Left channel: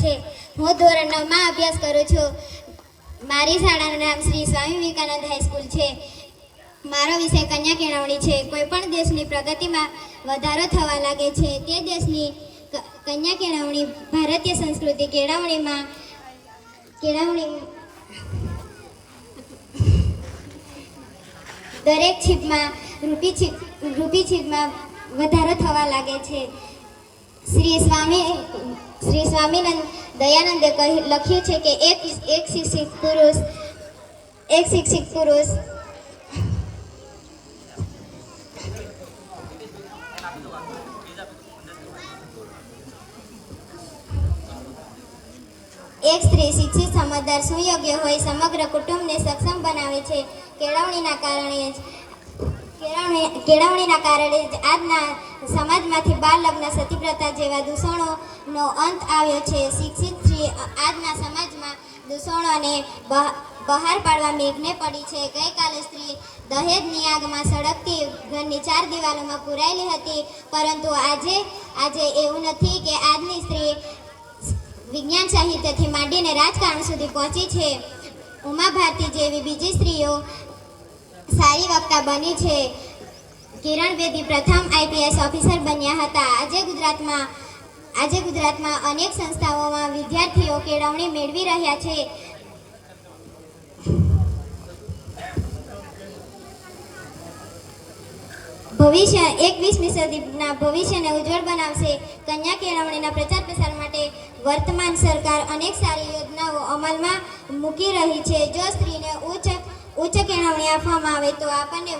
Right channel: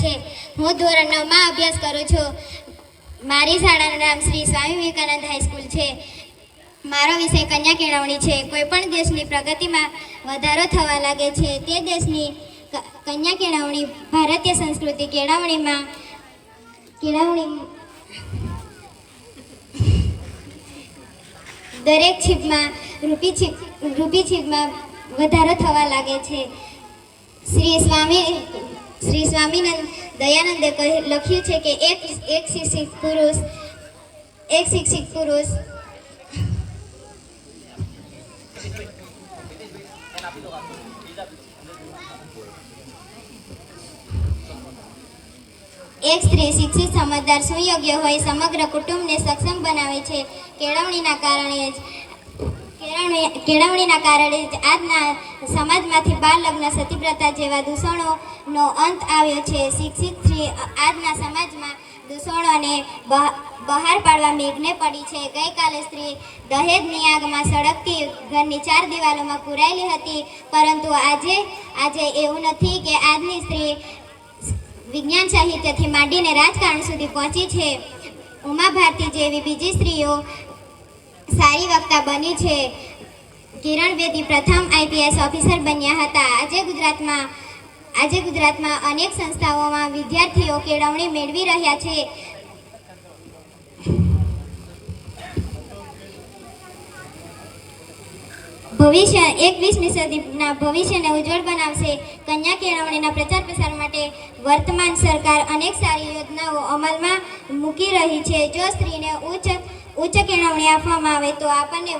છે। હું ધોરણ 9 માં અભ્યાસ કરું છું। મારી શાળાનું નામ શ્રી સ્વામી વિવેકાનંદ હાઈસ્કૂલ છે। મારો વિષય કન્યા કેળવણી છે। કોઈ પણ દેશની પ્રગતિમાં વધારો થવા લાગે છે તે દેશની કન્યા કેળવણી ભારતીય સંસ્કૃતિ કેળવણીમાં દરેક છીપમાં રૂપી છીપમાં વધારો થવા લાગે છે। શ્રી સ્વામિનંદ દયાનંદે લખ્યું છે કે એક શિક્ષિત પુરુષ એક સ્ત્રી શિક્ષિત સમજદાર સુયોગ્ય હોય સમગ્ર કુટુંબને સક્ષમ બનાવે છે। કેળવણીના કારણે જ આજના સમાજમાંથી બાળ લગ્ન સતીપ્રથા જેવા દૂષણોનો અંત આવ્યો છે। શિક્ષિત સ્ત્રી આજના સમાજમાં દૂષણોને બહાર પાડવા મેઘને પડી છે। ગઈકાલે સ્ત્રી દહેજની આગમાં સળગતી ઘરની 4 દિવાલોમાં પુરાયેલી હતી, પરંતુ આજે એવું નથી કે આજની સ્ત્રી વિજ્ઞાન સાહિત્યથી માંડીને રાજકારણ સુધી પહોંચી છે। ઉમા ભારતી જેવી બીજી સ્ત્રીઓ સારી વક્તા બની છે। કિરણ બેદી પ્રથમ આઈપીએસ ઓફિસર બન્યા હતા। આજે ગુજરાતમાં અનેક સંસ્થાઓમાં વિદ્યાર્થીઓ કેળવણી મેળવી રહ્યા છે। ભવિષ્ય 21મી સદીના ભવિષ્યને ઉજ્જવળ બનાવશે। કન્યા કેળવણીના પ્રચાર પ્રસાર માટે વર્તમાન સરકાર અનેક સારી યોજનાઓ અમલમાં મૂકી રહી છે। જો સ્ત્રીને ઉચ્ચ કેળવણી આપવામાં આવે તો આપણને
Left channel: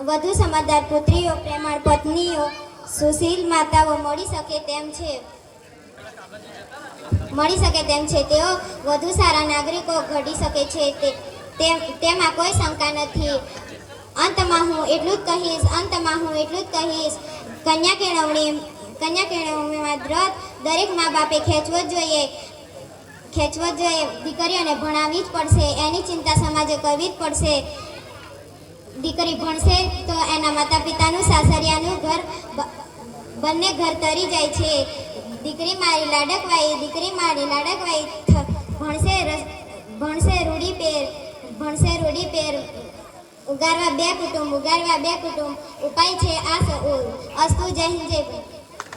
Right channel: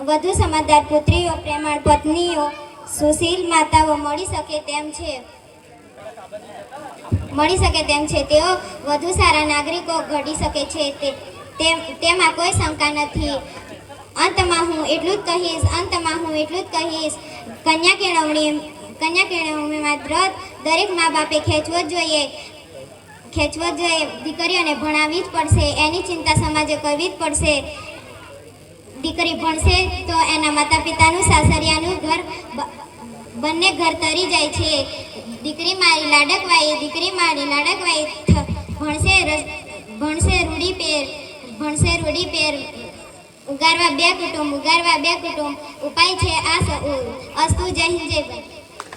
વધુ સમજદાર પુત્રીઓ, પ્રેમાળ પત્નીઓ, સુશીલ માતાઓ મળી શકે તેમ છે। તેઓ વધુ સારા નાગરિકો ઘડી શકે છે, તેમાં કોઈ શંકા નથી। અંતમાં હું એટલું જ કહીશ, કન્યા કેળવણીમાં દરેક મા બાપે ખેંચવો જ જોઈએ। દીકરીઓને ભણાવવી જ પડશે, એની ચિંતા સમાજે કરવી જ પડશે। દીકરી ભણશે તો એના માતા પિતાનું, સાસરિયાનું ઘર બંને ઘર તરી જાય છે। દીકરી મારી લાડકવાઈ ભણશે રૂડી પેર ઉગારવા બે કુટુંબ ઉપાય છે આ અસ્તુ। જય હિન્દ, જય ભારત।